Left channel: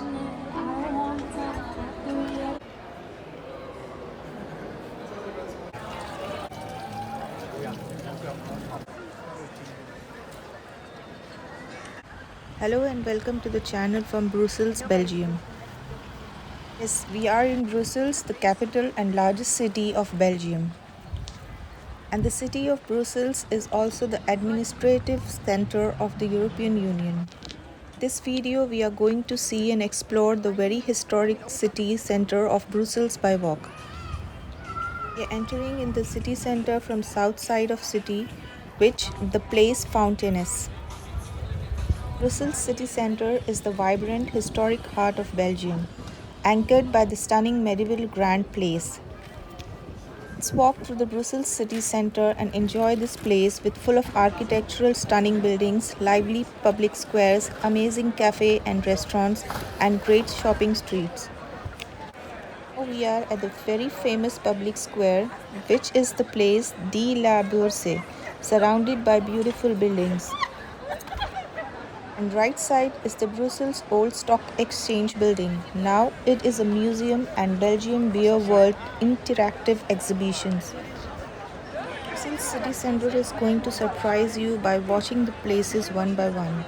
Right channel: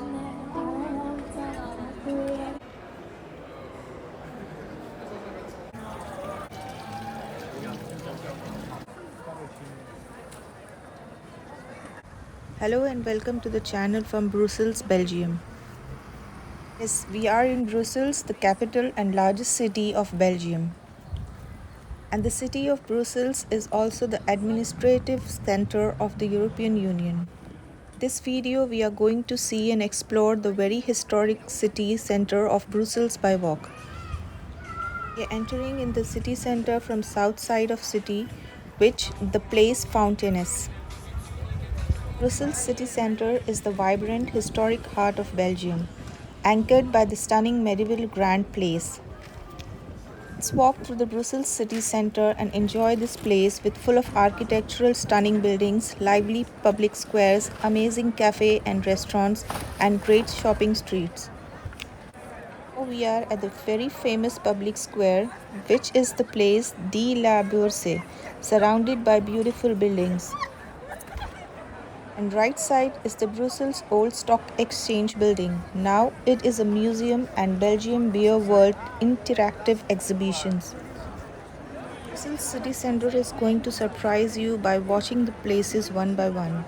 Hello and welcome to the channel from Brussels, Belgium. Yes, we are in Brussels, the capital and largest city of Belgium. And the city of Brussels is also the administrative center of the European Union. This video we are going to see and explore the very historic city center of Brussels by walk. We are entering in the city center from south side of city, which the place Fontaines. Brussels city centre is the vibrant historic heart of Belgium, anchored by the stunning medieval Grand Place. Let's walk through the Brussels city centre and enjoy this place with full of architectural stunning buildings, lively public squares, amazing cafe and restaurants, and great shopping streets. Now we are at the very famous public square, which is the place de la Bourse, surrounded by beautiful buildings. And right side is the Brussels Old Stock Exchange building. Now it is a museum and Belgium Beer World interactive exhibitions. Brussels city center is going to surprise you by watching the places one by one.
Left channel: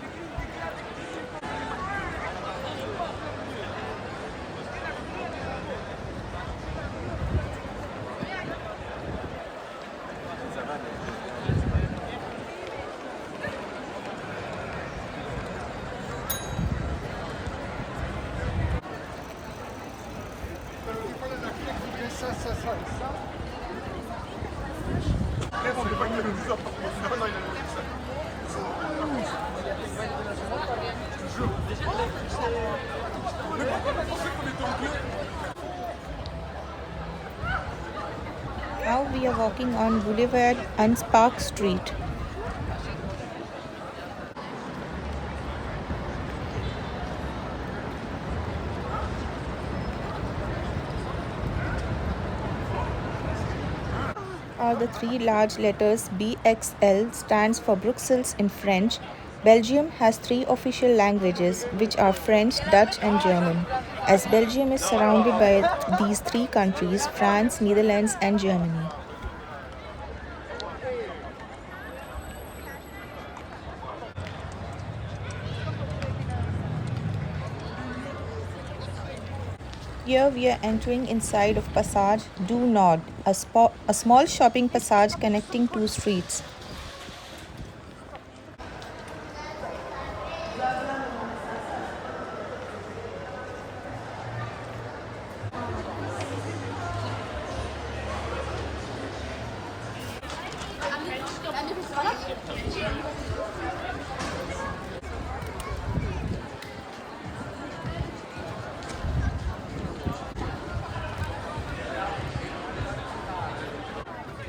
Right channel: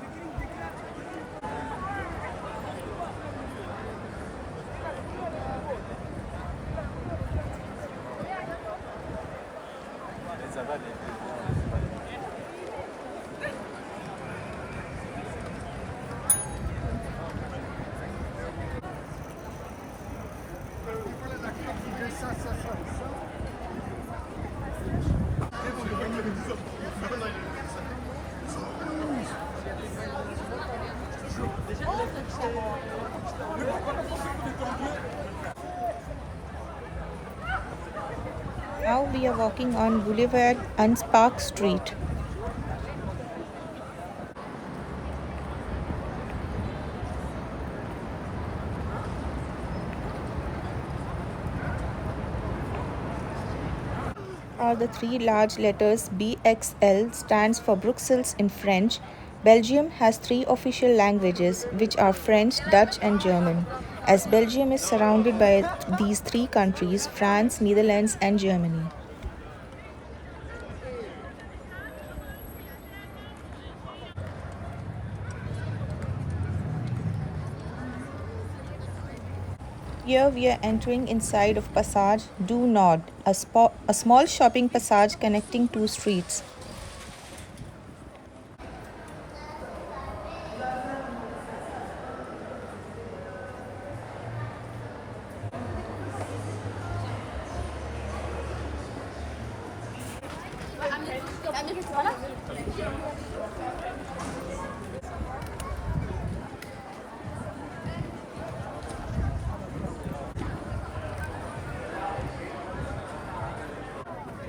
Now we are walking on Boulevard and Park Street. Are the three large letters BXL stands for Brussels in French. Belgium has three official languages, which are French, Dutch and German. As Belgium is surrounded by these three countries, France, Netherlands and Germany. Here we are entering inside of Passage du Nord, a small shopping passage connecting two streets.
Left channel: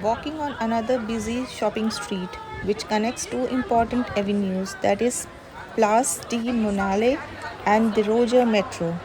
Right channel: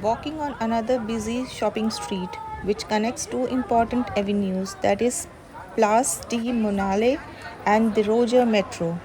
Walking on another busy shopping street, which connects two important avenues, that is Place de Monale and the Roger Metro.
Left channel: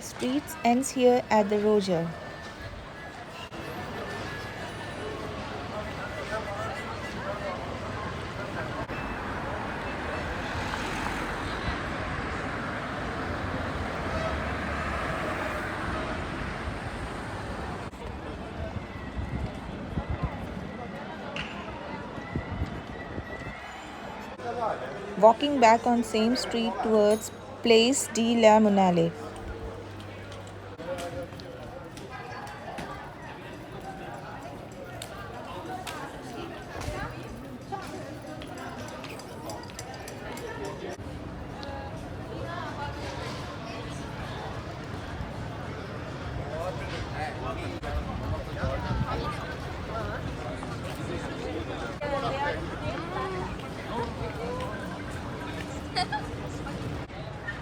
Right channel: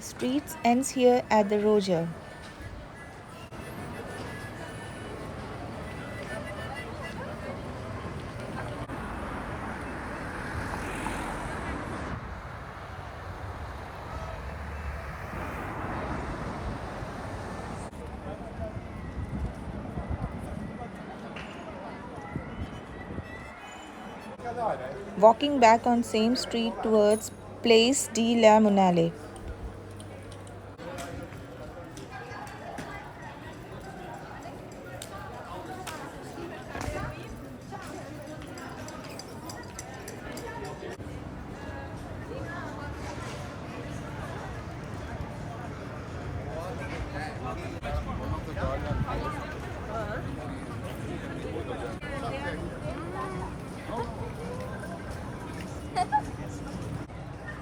Streets ends here at the Roger. Walking back on same street towards Place de la Monale.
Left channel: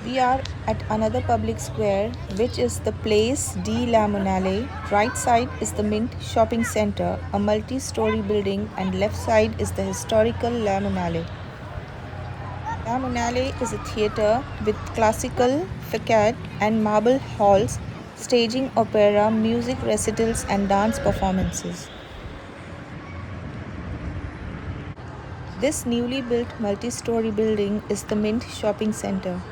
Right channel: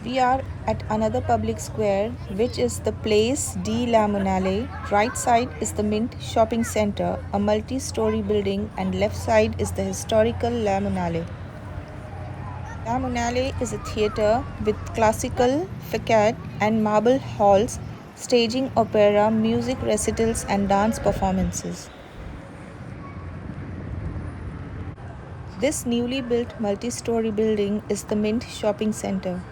We are at another public square, which is the Place de la Monnaie. Right side is the Mint shopping center, a multi-story building, and left side is the historical La Monnaie. La Monnaie is a theatre with classical facade and marble halls, staging opera, music recitals, and dance performances. This newly built multi-story building is the Mint shopping center.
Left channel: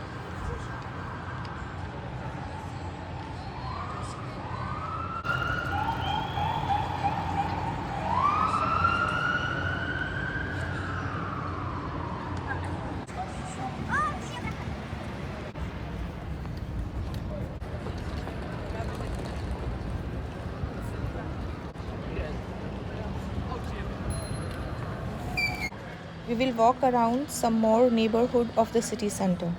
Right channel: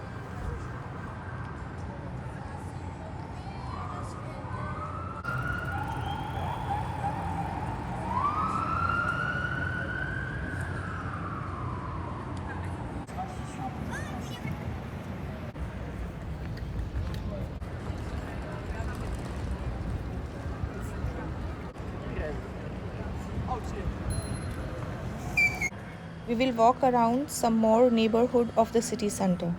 We will walk around some more neighborhood of the city center.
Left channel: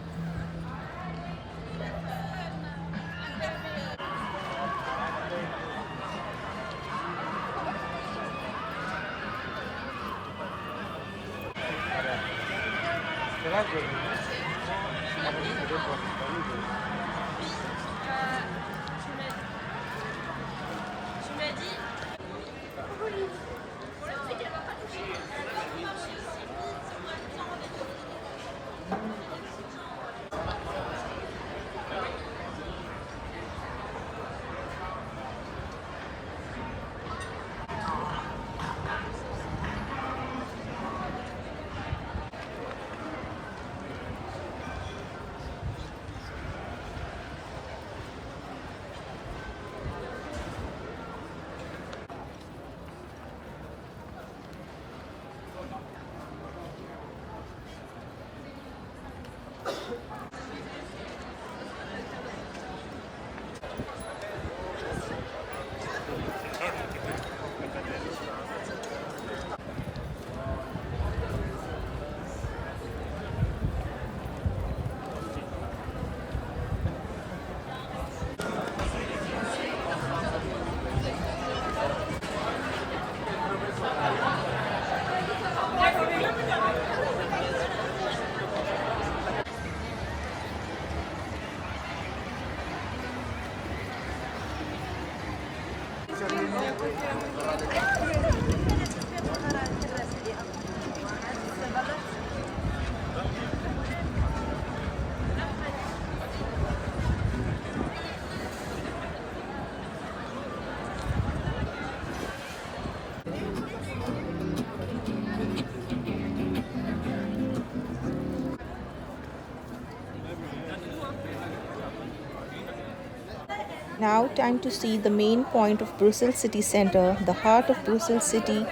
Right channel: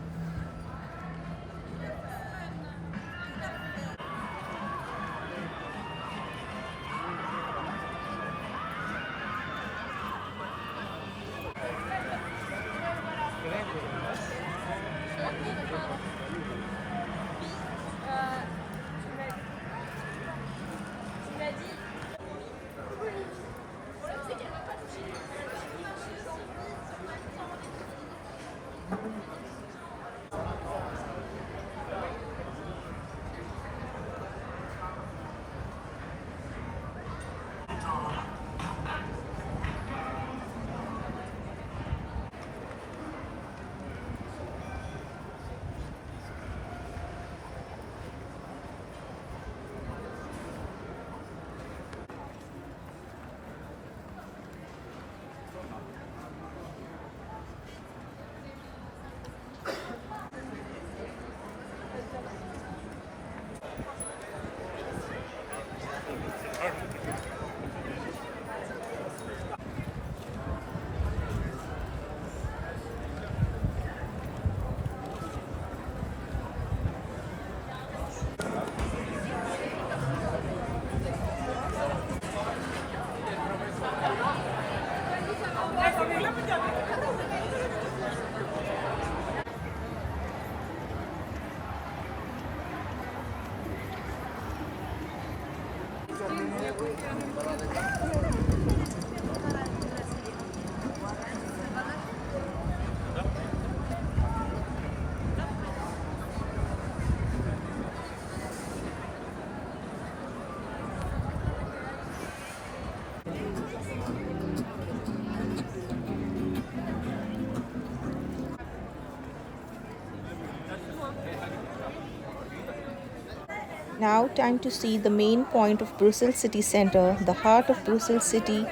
Now time to see the main point of Brussels city center, the heart of Brussels city,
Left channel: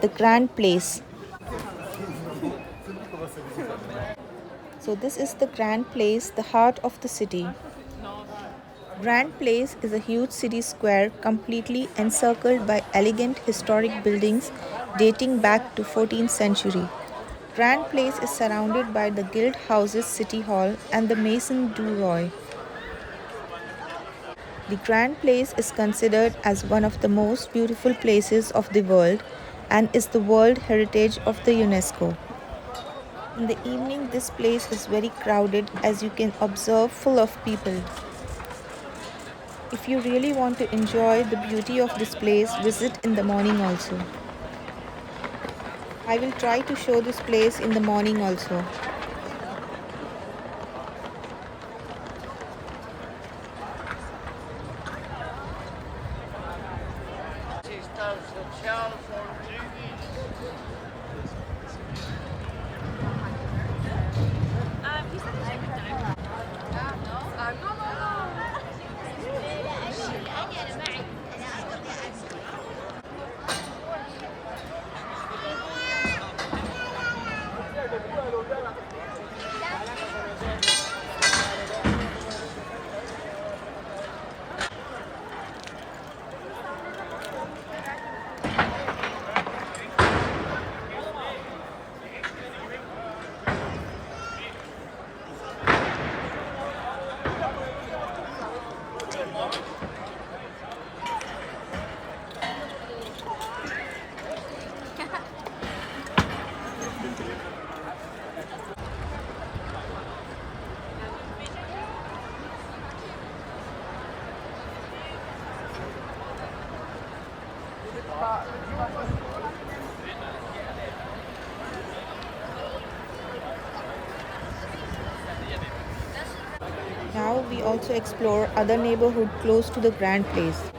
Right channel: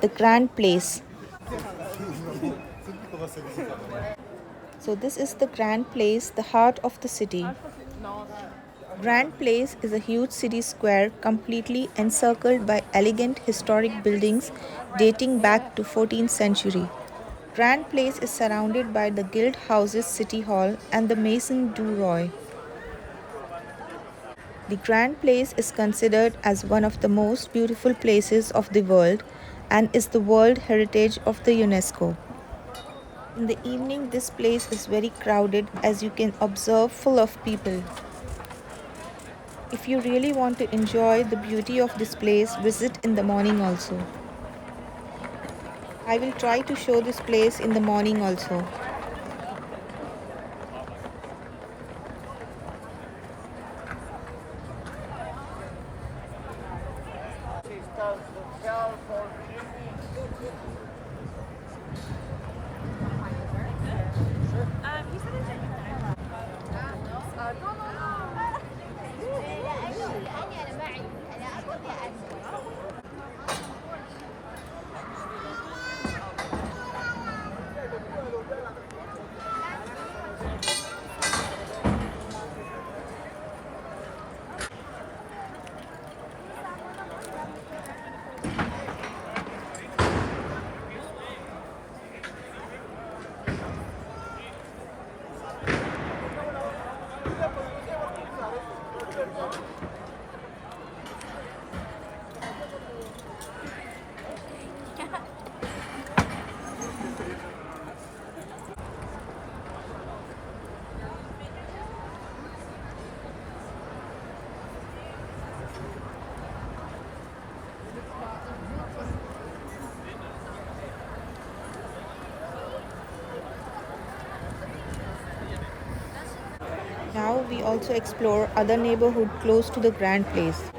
the Grand Place. So this is the Grand Place, the heart of the city. Grand Place is a huge city square completely encircled by elegant historic buildings dating back to 14th century. Grand Place is surrounded by the Guild Houses City Hall and the Maison du Roi. The Grand Place is considered as one of the most beautiful places of the world and is the World Heritage of the UNESCO. In the evening, this place is very crowded, as you can observe, full of people. If you really want to enjoy the beauty of this place, visit in the morning also. I will try to show this place in the morning also. Now we also explore other neighborhood close to the Grand Place.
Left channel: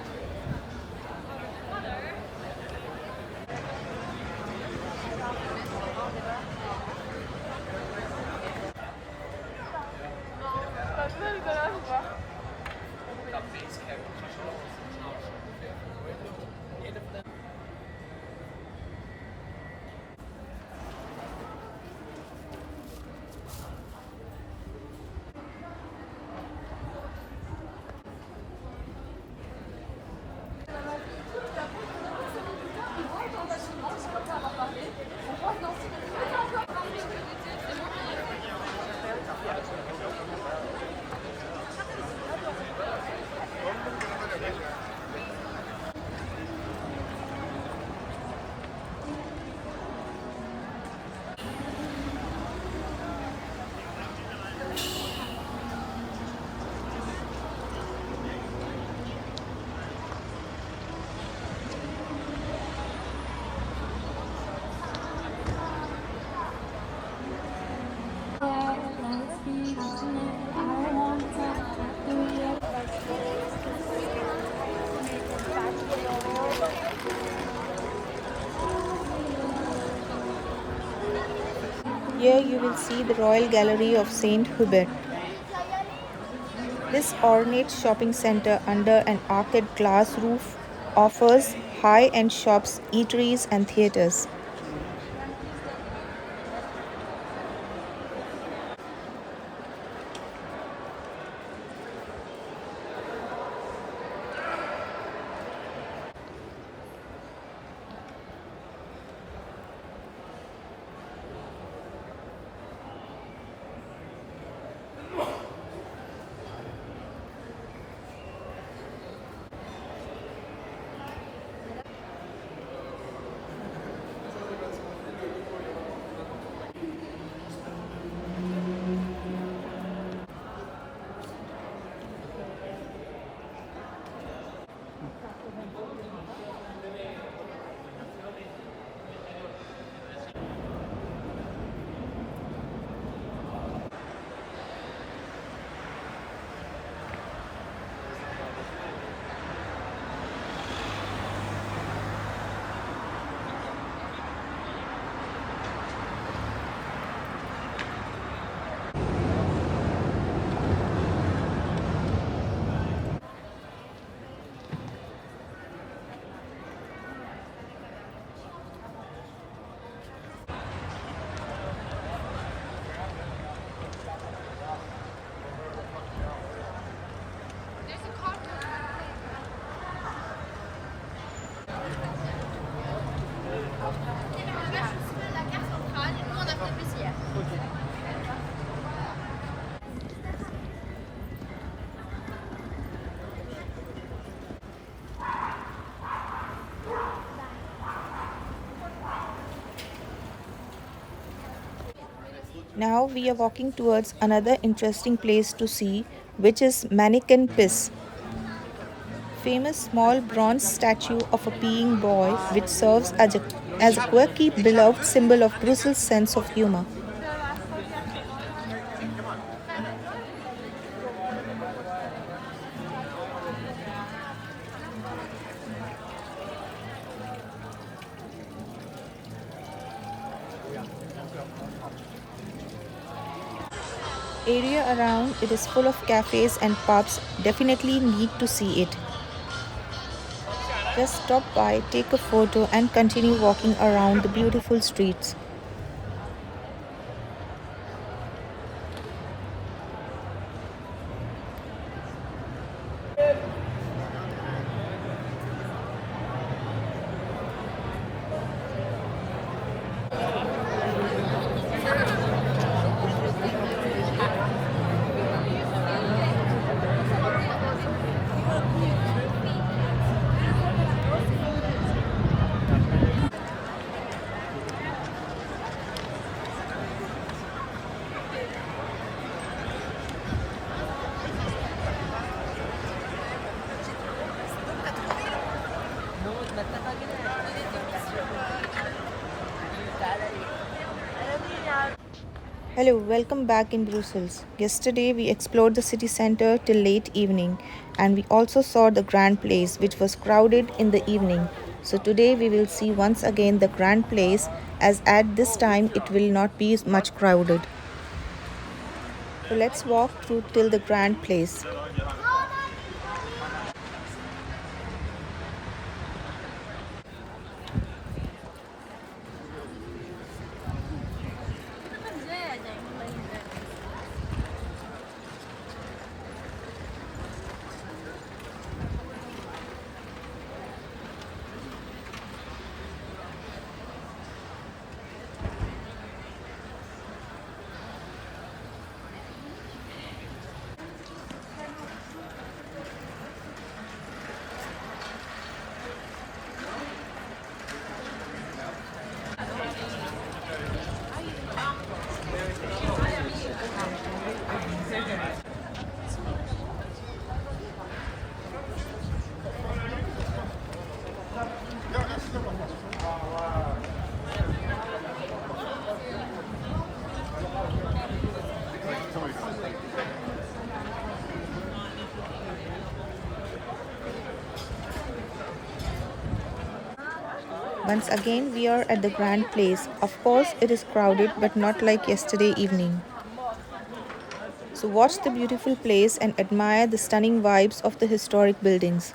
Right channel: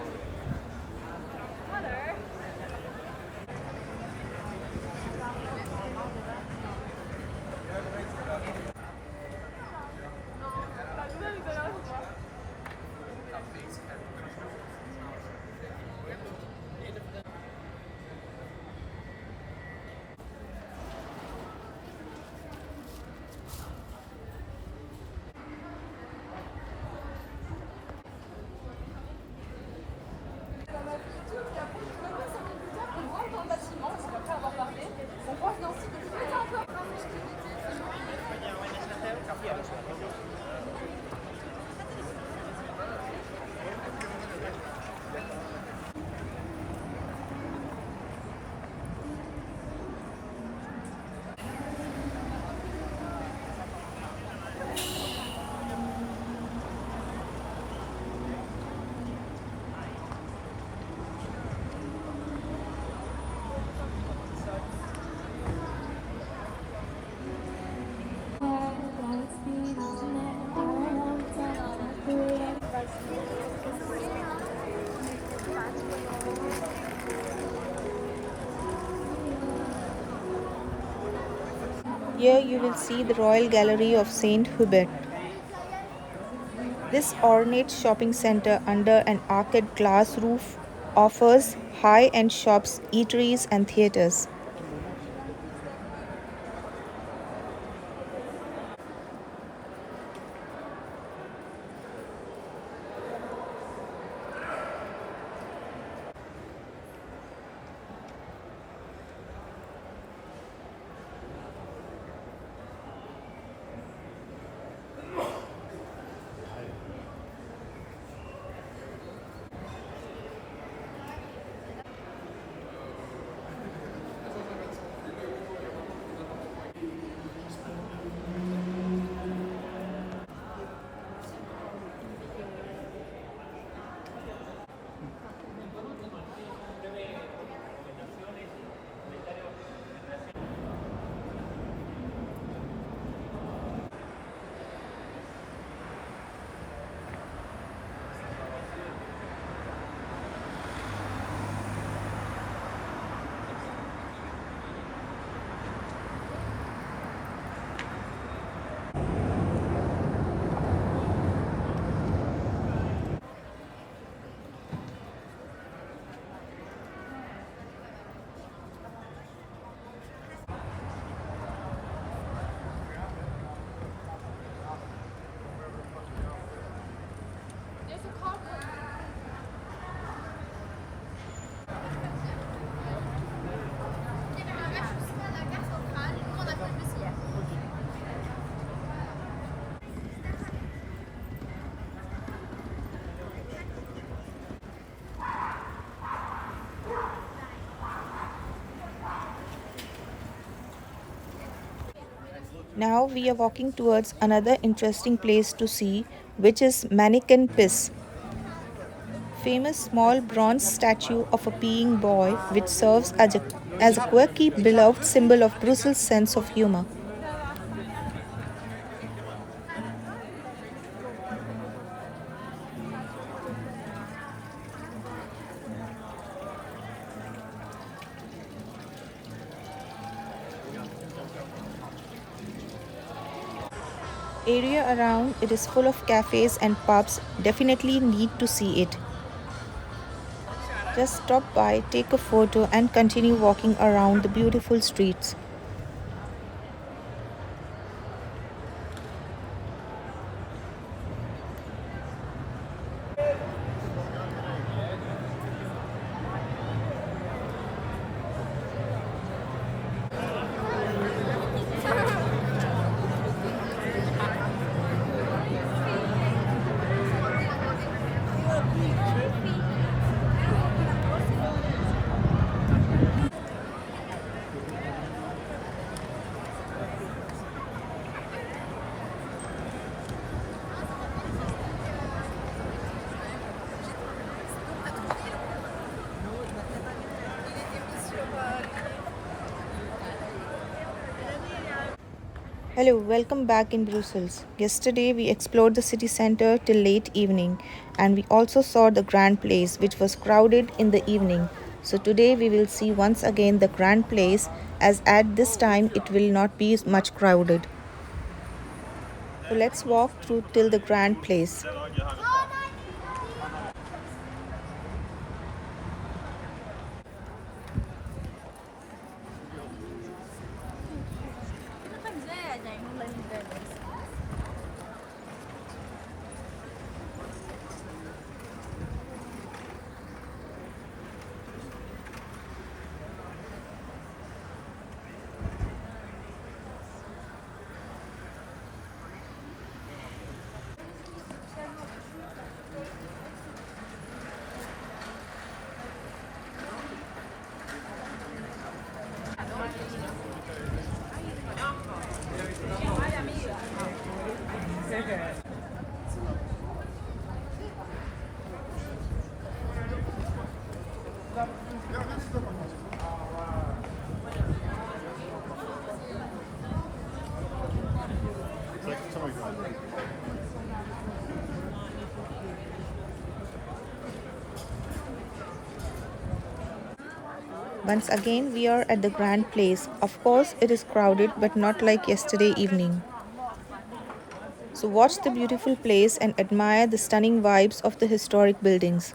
Here you will see the Royal Gallery of Saint-Hubert. This ornate shopping center under an arched glass roof offers high-end shops, eateries and theaters. Now we are walking towards another interesting place to see, which is Manneken Piss, famous small bronze statue of a peeing boy which serves as a quirky beloved symbol of Brussels' sense of humor. Area around it is full of cafes and pubs, definitely need to see it. Just stop by, take a photo and continue walking around the beautiful streets. Hello, welcome back in Brussels. Yesterday we explored the city center till late evening and we also saw the Grand Place which was crowded in the evening. So today we will see once again the Grand Place as at this time it will not be much crowded. So let's walk through till the Grand Place. Once again we are at the Grand Place. Of course it is crowded but not like yesterday evening. So watch the beautiful place and admire the stunning vibes of the historic buildings.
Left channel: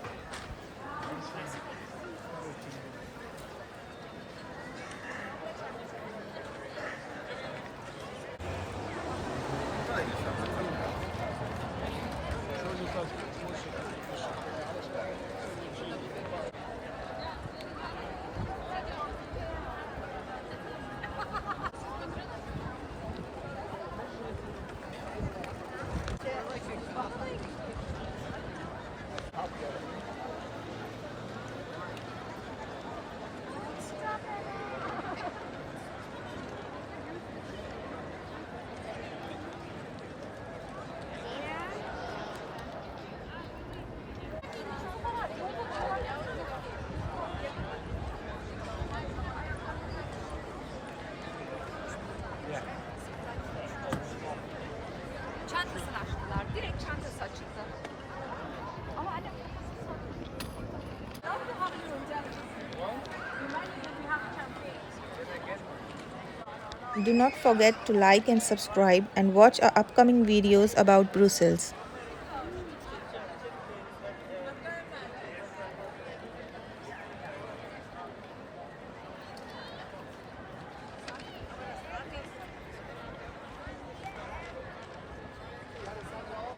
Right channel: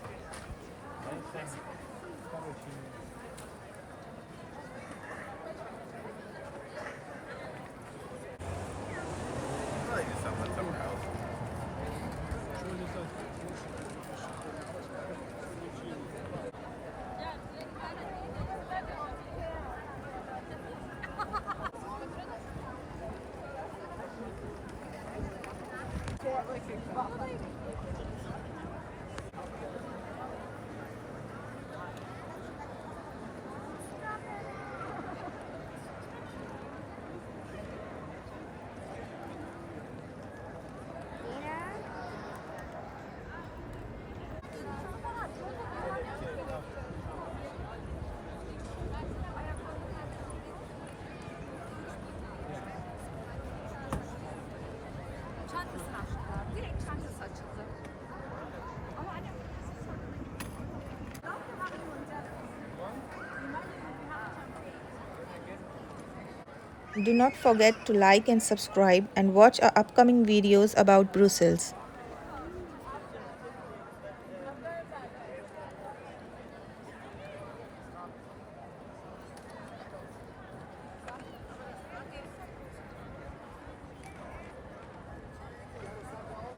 Çantasını açtılar. Direkt çantası açıldı. Do not forget to like and subscribe and watch our upcoming videos about Brussels.